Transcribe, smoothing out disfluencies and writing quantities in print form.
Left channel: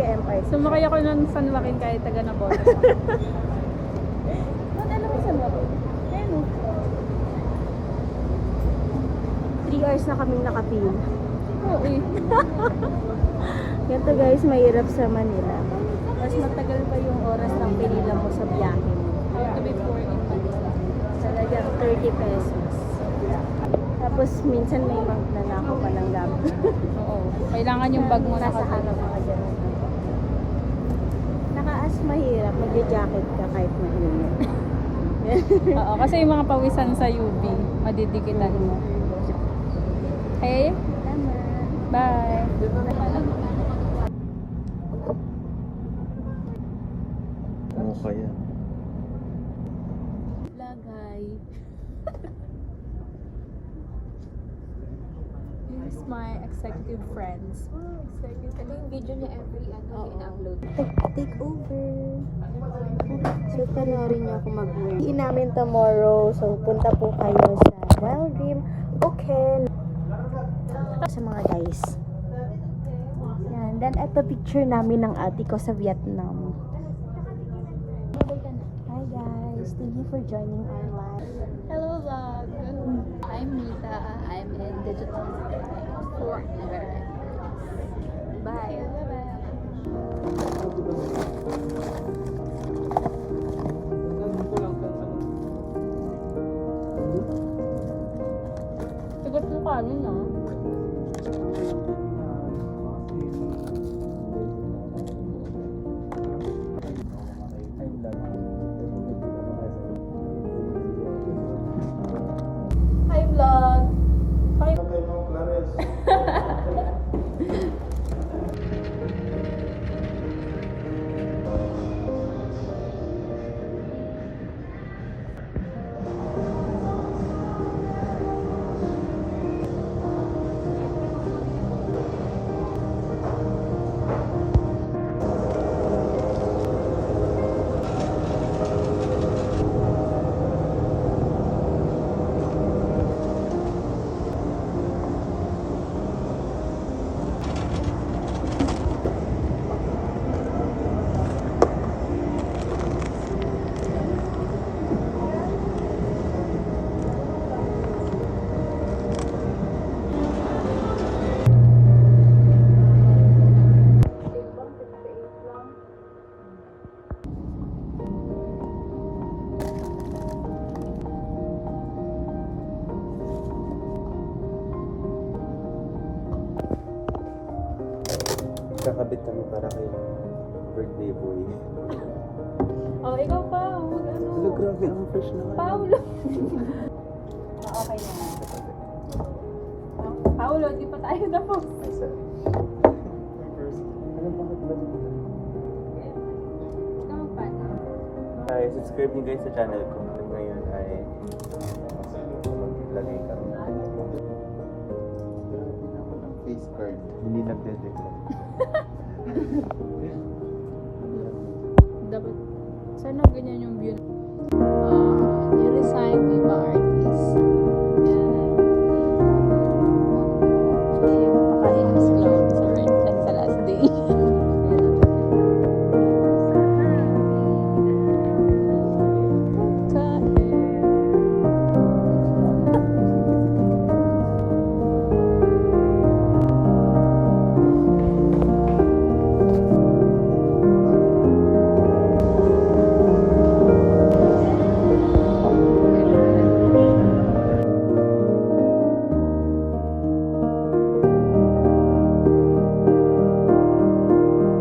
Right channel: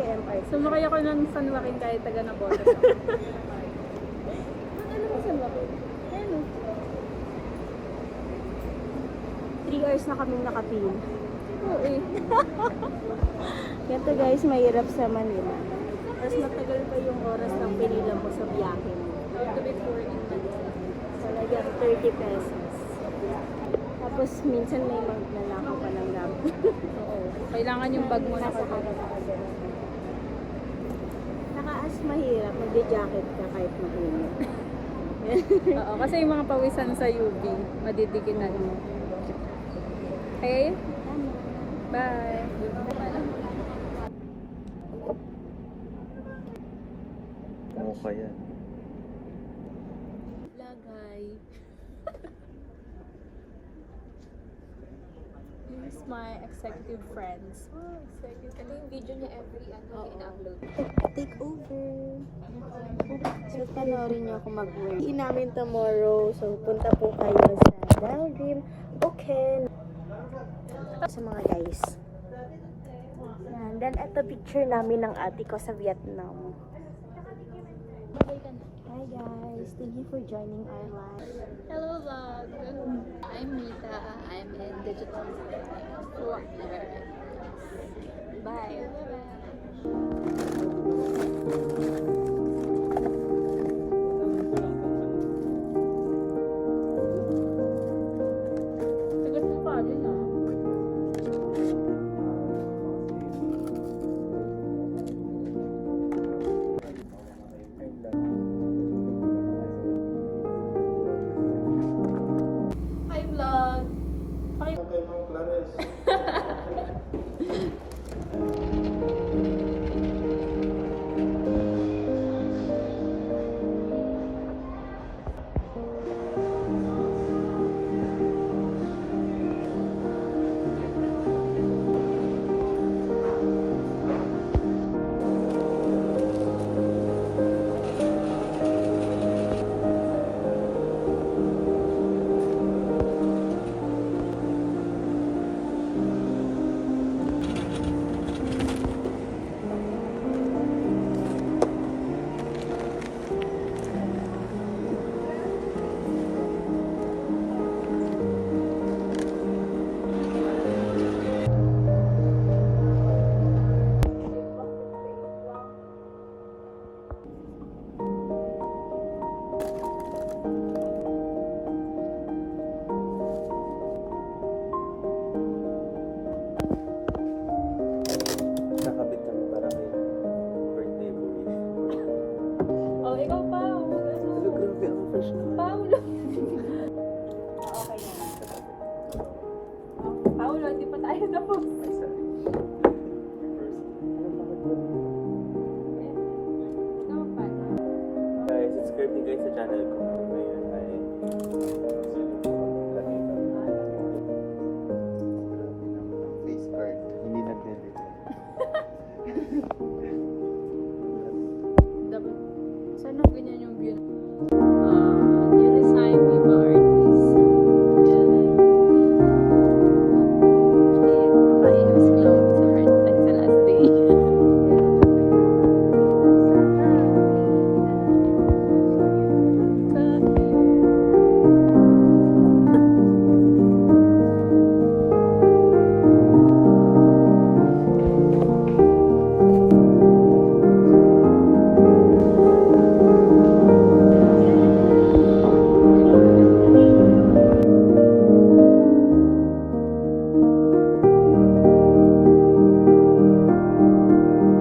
taga-MRT. Sumakay ako ng San Joaquin kahit taga Nabotas. Ano mo San Joaquin? Ayun o. 3 hours na kaming nakapil. Oo eh. Ganito guys, mahirap sa Manila. Mas matagal pa yung oras ng pinila mo sa biyahe mo. Talagang 30 pesos. Tapos minsan may magnanakaw pa ng gamit. Oo. Kailangan yung bag mo nasa harap mga ganun. Nakaas mahirap, magja-jacket ka kahit mainit. Oo, kasi yung mga pawisan sa UV, madidikitan mo. Okay? Tama. Bye! Ano kaya? Lagay. Here's my executive friends. Ito yung video niya every ina-upload. Take over. So, panoorin niyo ako mag-win. Namin tomorrow. So, punta po kayo sa Wild Dream. Okay. Sa mga guys. Yan. Then, ito picture namin ng ate ko sa Vietnam. Hi guys. Thank you for joining our live. Hello vlog! I'm Nita. I'm in digital foreigner. Bye! Sagot mo kami, no? Hi vlog! Okay, no, Clares. Kakabit kami para kay birthday boy. Oh, ikaw pa. Oh, ano? Hello, grabe. Ang fresh naman. Paulo. Okay na. Paulo, hindi pa tayo tapos. Ay, sorry. Ano bakit ba dito? Guys, subscribe din guys sa channel ko. At ngayon ay maglagay kami face card. Hindi nagde-declare. Dapat, sana ganyan yung view. You resign, Viva Art